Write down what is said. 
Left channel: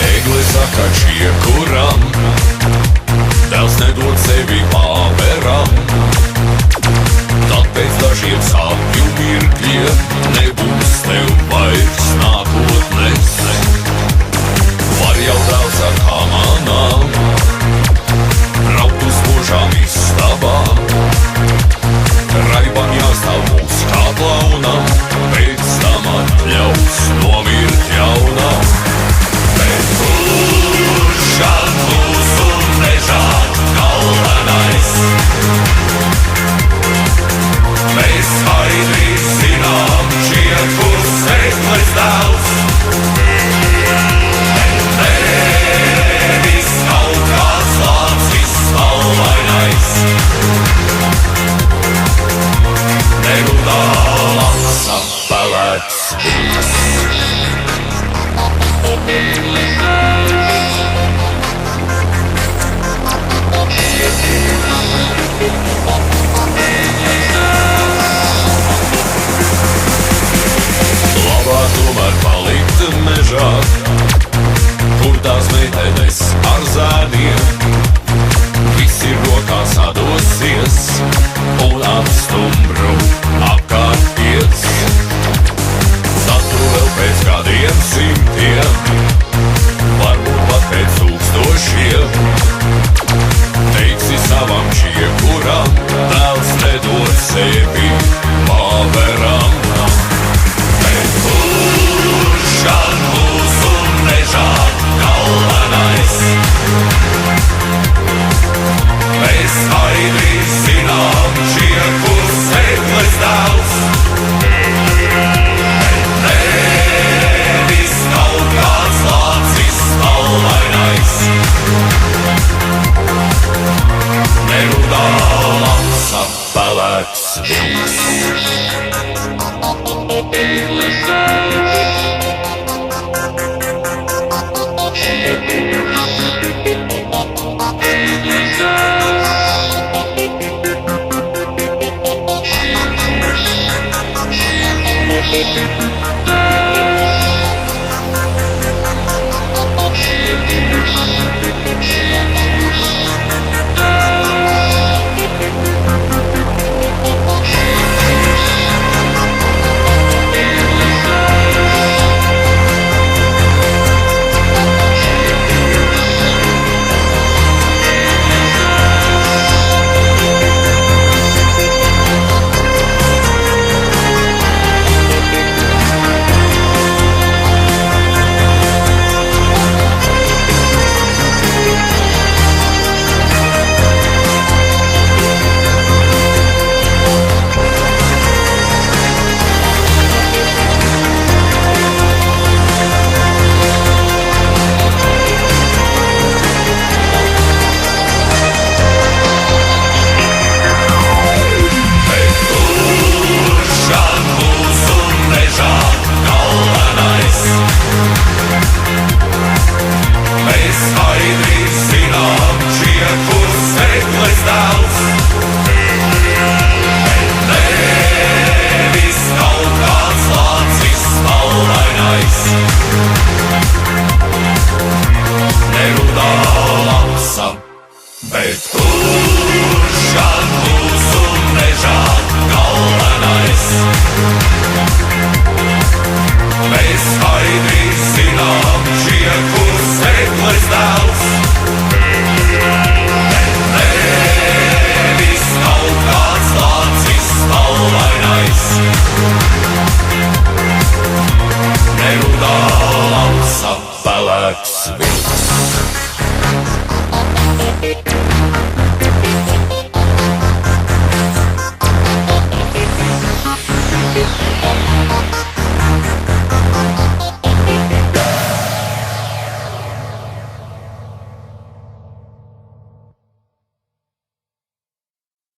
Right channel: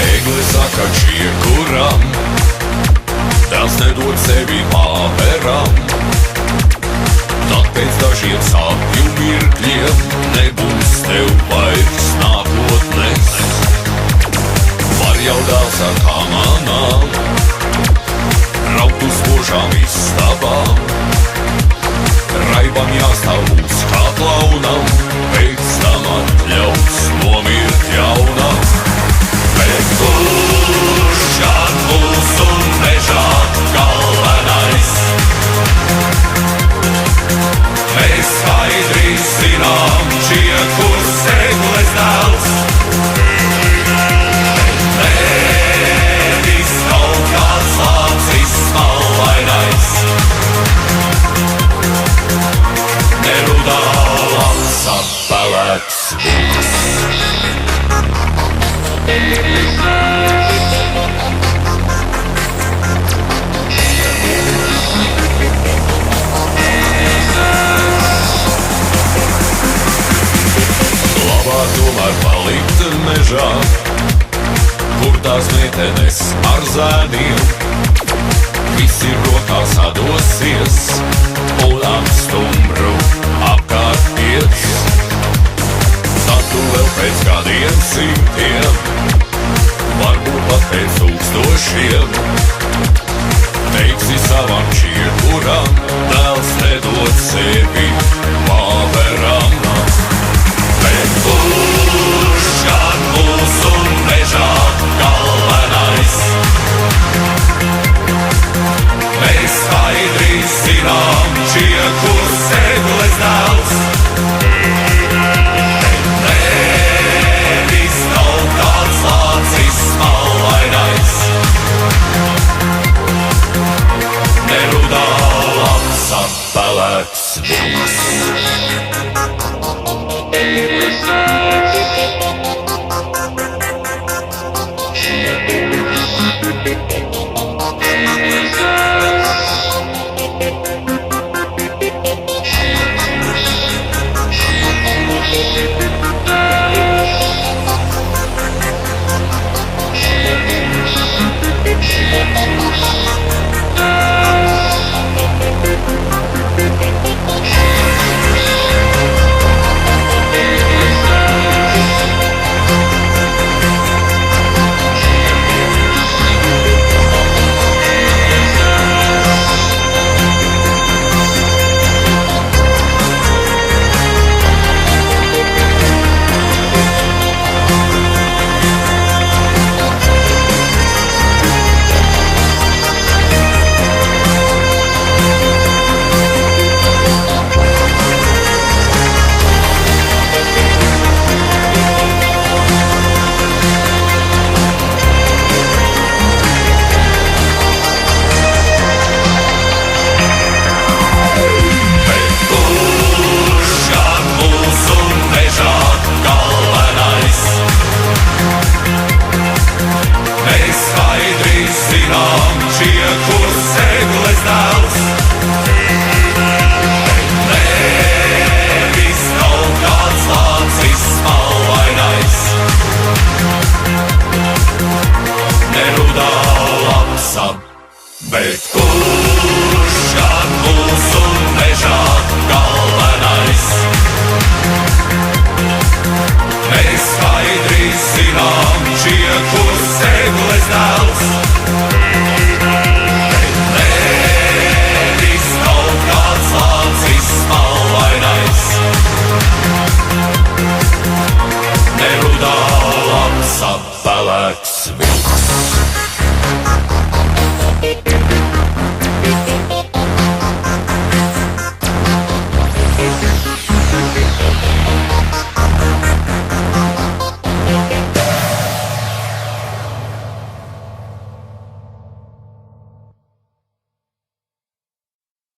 Egli saka čiekuram, dēls nedod sevi pāveram. Tad pēc dažiem sāpju mirkļiem nebūs tev vairs nākotnes. Var jau dēls ar kamanām braukt uz spožām istabām. Raibam jāstāv mūs kā klaunam, pēc tam atļaus nomirt jaunam. Bet kurš gan mūsu mežā galvenais? Mēs skaidri zinām, čiekurs Egles dēls. Bet nevis kaut kāds lācis spalvainais. Nerudā lāca pelēks vilks. Labāk tomēr palikt mežā, kur tās meitenes ar zēniem. Visi rokās sadosies un ap stumbru apkārt iet. Tad tu vēl pēc kādiem simtiem, varbūt pat pēc tūkstošiem, teiksi savam čiekuram, dēls nedod sevi pāveram. Bet kurš gan mūsu mežā galvenais? Mēs skaidri zinām, čiekurs Egles dēls. Bet nevis kaut kāds lācis spalvainais. Nerudā lāca pelēks vilks. Bet kurš gan mūsu mežā galvenais? Mēs skaidri zinām, čiekurs Egles dēls. Bet nevis kaut kāds lācis spalvainais. Nerudā lāca pelēks vilks.